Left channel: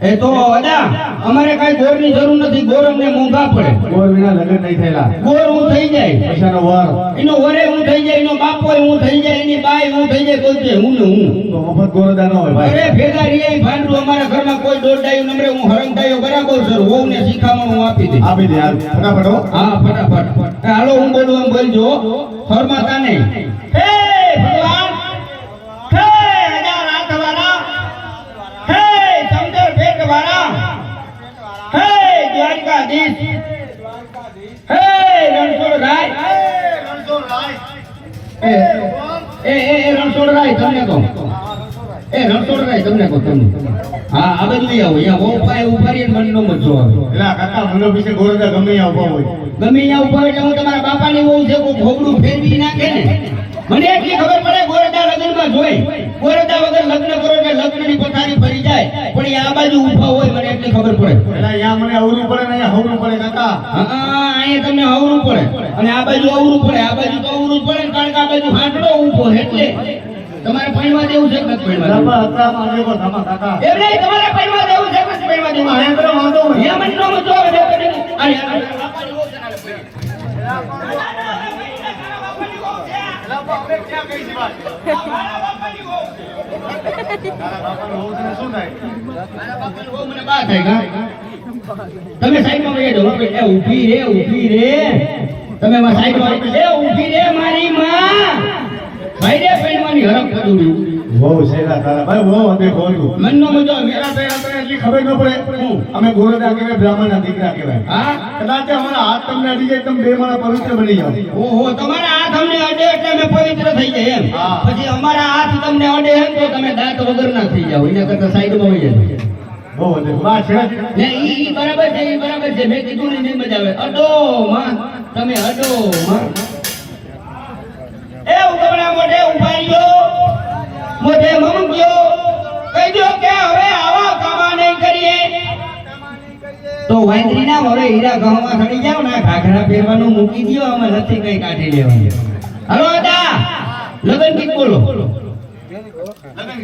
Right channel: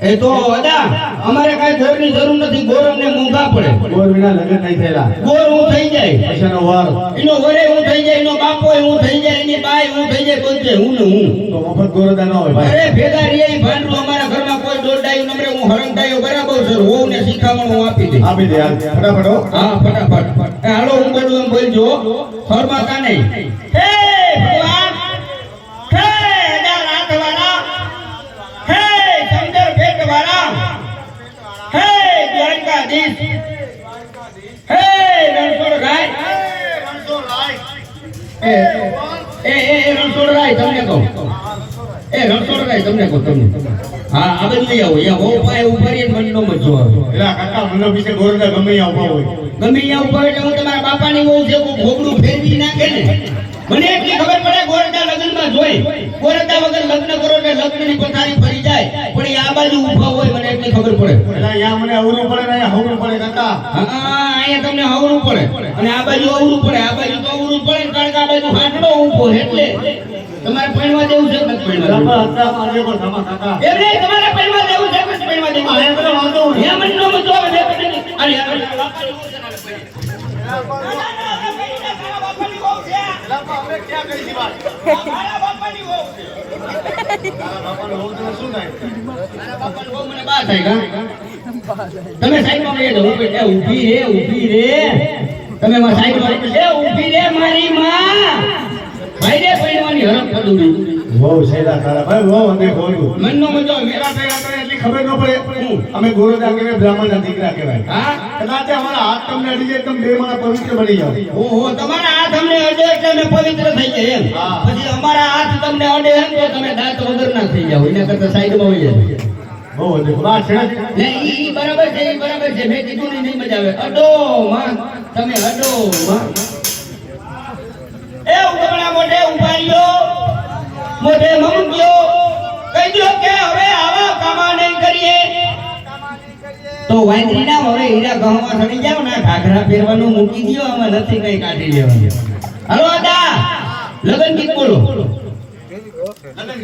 એ તો અદા અમારે કઈ ગોરની જરૂર નથી ગોર અમને મોંઘા પડે. ગોર વિના લગન નહીં થયેલા. ગોર હું થઈ જાય. પૈસાનો વર. એનો વરે હું થઈ જાય એનો બાપો હું થઈ જાય એની બાઈ હું થઈ જાય બધે હું ને હું. તો મફત ગોરદા ન હોય ભાઈ. અરે ભેગા રે ભાંડું અમારા ઘરમાં કોઈ દોડાયું નમરે હું હરંતાયો બરાબર સર હું ને શીખામણ હું આપી દે આપી દે હાલ. ફટાફટ હા. ફટાફટ. હાલો હું બોલું એમ બોલજો ફરમાતા નહીં. બહુ ગમે ત્યાં ઊભા હોય હું તમારા બાપાની વહુ છે ફેરવી નાખે મને ખબર પડે ગોરડા લગ્નમાં જોઈ ગોરડા વગર લગ્ન કરો ને લગ્નની પથારી ફરી જાય. પણ એ આ બાજુ ઊભા હોય એટલી ખબર પડે અહીંયા મને અવરું પડે ને અહીંયા હવરું પડે કાકા હા અહીંયા તમને અવરું પડે અને આ બાજુ અવરું પડે આ બાજુ તો અવરું પડે કારણ કે આ બાજુ હાંડડો ઊભો એટલે તમારે પાણીમાં દેવું છે કે દેવું? ધમા કાકા એ નહીં, તમારે પાણીમાં દેવું છે કે પાણીમાં દેવું? અહીંયા તો વાંધો હે મને નો મજો આવે, પૈણી. અરે, બાપા ની વહુ છે ને, અરે, પૈણી. તમે સાઈડમાં વહી જાઓ. એ ઊભી રે ઊભી રે. તમે એમાં સાઈડમાં એ ઊભી રે મારી માં. ભાઈ રે પૈણવાની હરખ કદુડી બહુ સહેલા તારા. ભાઈ બહુ અંધે બોલ્યું. મનનો મજો મેરા પેલા તને એટલી ખબર ન પડે. અમે ગોરદા કહેવાય બ્રાહ્મણના દીકરા કહેવાય. હા? કદાચ અમારા હાથ તમને અડી જાય તમે બે માણા પવિત્ર બની જાઓ. ઓહો તમારા હાથ અમને અડે એટલે અમે પવિત્ર થઈ જાય એમ. હા. તમને અડે એમ તો તમે દાંત વગરના થઈ જાવ એના કરતા સાઈડમાં હોય જાવ બહુ બા છે? ને ઈ બરાબર છે ઈ બરાબર છે. મેં કીધું ને નહીં જ આવે. અડો માં. તમે અડો માં. એ ઉગમણા મોઢે ઊભા રહ્યો. મોઢે મમક્યો કહી દો કે હવે આવા કામા નહીં કરીએ. તો વાંદરી ના મોરે હીરા ગહમાં સડી જાવ ના ઘાઘરા પહેરવાનું મૂકી દ્યો અમે નથી કઈ કાઢી લેવાનું. હલો દા લગન ગીત બોલો.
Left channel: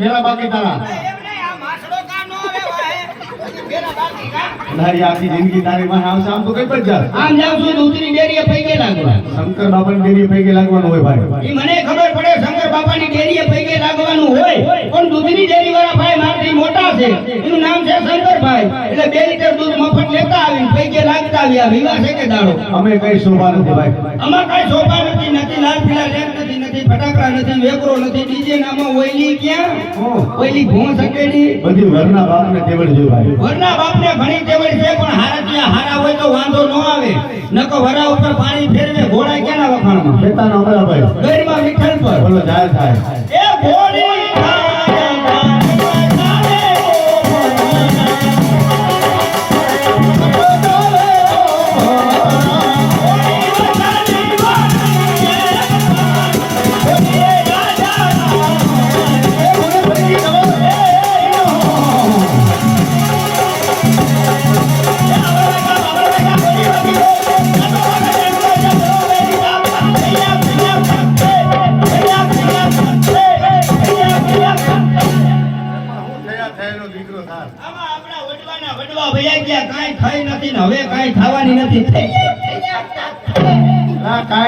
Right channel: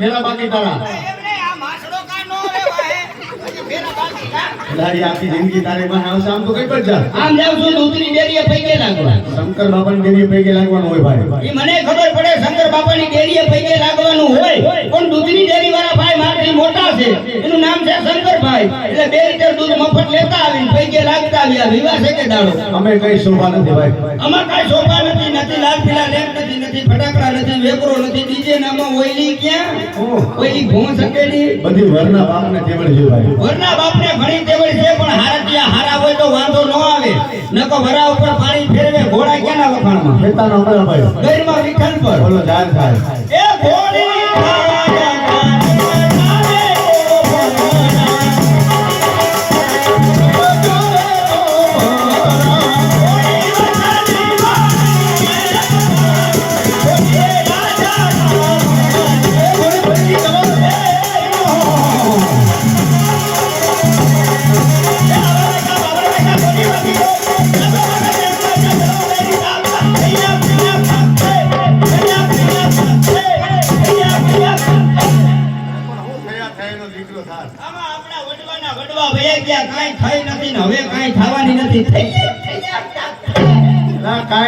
ફેરા બાકી તારા લારી આખી જિંદગી તારી પાસે આવશે. આમ તો કઈ પર જા આમ જાવ છું દૂધની ડેરીએ પૈકે લાગવા શંકર બાપાની ડેરી પૈકી લાગવાનું હોય ભાઈ. ઈ મને ખબર પડે શંકર બાપાની ડેરીએ પૈકે લાગવાનું હોય. પણ દૂધની ડેરી વાળા ભાઈ મારાથી મોટા છે? એનું નામ છે શંકરભાઈ એટલે બે લીટર દૂધ મફત લેતા આવીને પૈકે લાગતા આવ્યા વિવાહ છે કે દાડો? અમે કઈ શોભા નથી ભાઈ. કાંઈ શોભા નથી નથી લાલ પીલા નથી નથી ફટાકડા નથી વેપરો ઓઈલી ક્યાં? ઓઈલી ભોં સકેલી બધી વરના બાપને તેવડ જેવું ભાઈ. વરના બાપને ઘણી તેવડ છે પણ હારતિયા હારા હોય તો વાંધો ન આવે. નકો વરા ઉપર પાણી ફેરવે ઘોડા ક્યાંના વખાણમાં? ખેતાનો અમારા ભાઈ ગરમાં વિઠ્ઠલ પર. બોલો થાય. એ ઘોડી!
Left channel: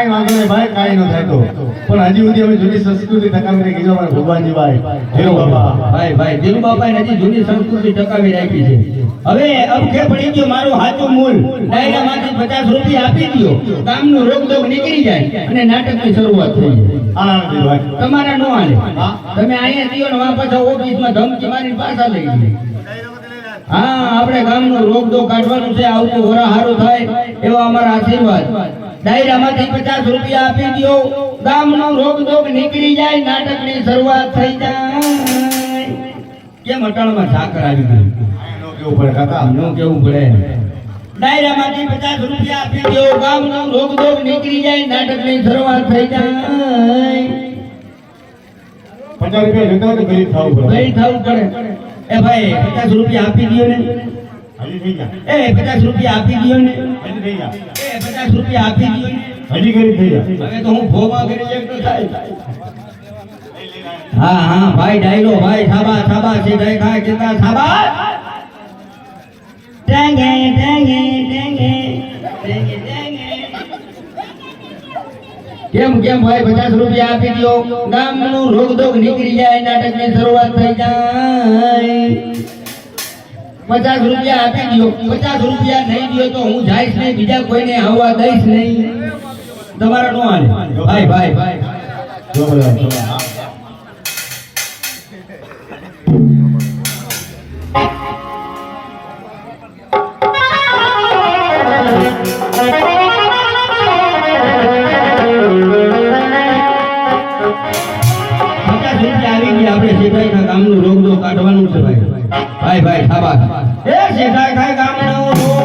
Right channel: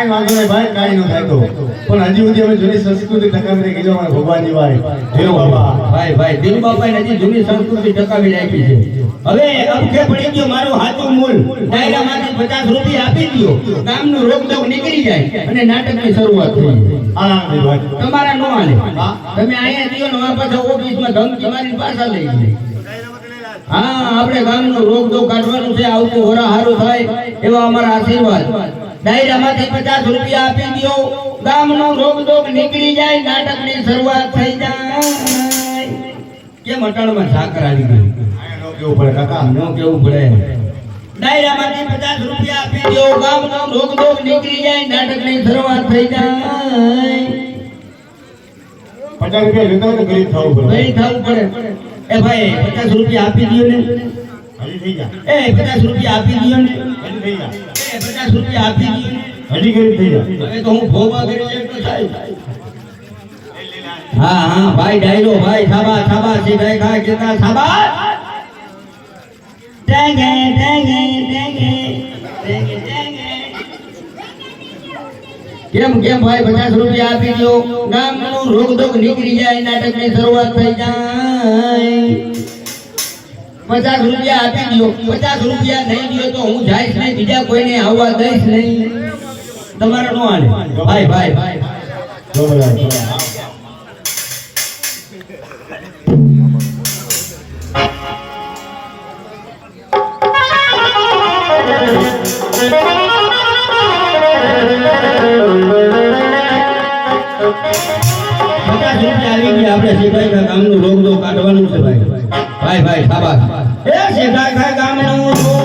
કાંઈ વાંધો નહીં ભાઈ કાંઈ ન થાય તો. પણ હજી સુધી અમે જૂની સંસ્કૃતિ ટકાવી ગયો અમારા ભગવાનની ભાઈ દેવ બાબા ભાઈ ભાઈ દિલુ બાપાએ હજી જૂની સંસ્કૃતિ ટકાવી રાખી છે. હવે અબકે પડી ગયો મારું હાચું મૂળ. ડાયરામાંથી પચાસ રૂપિયા આપી દો કામનું રોગદોગ નીકળી જાય અને નાટકની શરૂઆત થઈ તમારા નો હાલે. તમે અહીંયા જીઓ ને વાપસ ઓફિસમાં ધમકી મારી પાછા લઈ જાય. હા આપણે ગામનો દો કાઢવાનું છે આવતો વરા સારું થાય એવો અમારા આશીર્વાદ. ડાયરામાંથી પચાસ રૂપિયા આપી દો. ગામનો રોગ નીકળી જાય નાટકની શરૂઆત થઈ જાય. કેમ અટાણમાં સાકર આવી ગઈ નો કેવું પડે કાકા. નો કેવું પડે. ડાયરામાંથી પચાસ રૂપિયા આપી દ્યો ગામનો રોગ દોગ નીકળી જાય નાટકની શરૂઆત થઈ જાય. પચાસ રૂપિયા લેતા હોય તો ગરીબ થવું પડે. ગઈ થવું પડે. એ ભાઈ પચાસ રૂપિયા આપી દો ને. એ પચાસ રૂપિયા આપી દ્યો ને. પચાસ રૂપિયા આપી હજી ગરીબ થઈ જાય. હવે તો હું ભોમાં ગરીબ એમ તો થાય. હા હા ભાઈ ડાયરો ભાઈ સાબા સાબા છે ભાઈ ખા કેતા સાબા. ટેંગે ટેંગે ટેંગે ટેંગે ટેંગે. કેમ કેમ ભાઈ પચાસ રૂપિયા આપી દો ગામનો રોગ દોગ નીકળી જાય નાટકની શરૂઆત થઈ જાય. પચાસ રૂપિયા આપી દો પચાસ રૂપિયા નહીં દો તો હું જઈશ નહીં. બીજા કોઈને આવવા દઈશ નહીં. તમારા નો હાલે. ભાઈ ભાઈ ભાઈ. પચાસ રૂપિયા આવી ગયા આપણે શેઠાઈ કામનું રોગ કાઢવાનું છે ભાઈ. ભાઈ ભાઈ ખાવા એ શેઠાઈ ગામનું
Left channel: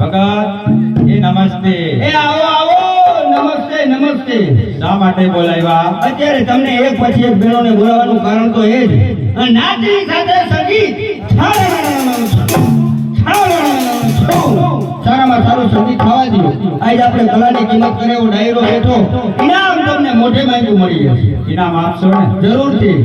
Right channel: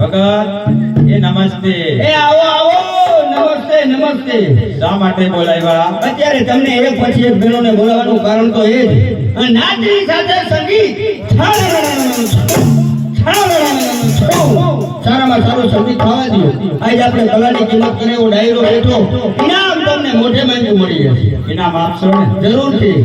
ભગત એ નમસ્તે. નમસ્તે શા માટે બોલાવ્યા? અત્યારે તમને એક પછી એક બહેનોને બોલાવવાનું કારણ તો એ જ. નાચની સાથે સંગીત. સારામાં સારું સંગીત ખાવા દો આજ આપણે કલાની કિંમત કરે એવો ડાયરો બેઠો. ઇનામ તમને મોઢે માંગ્યું મળી જશે. ઇનામ આપશો ને? જરૂરથી.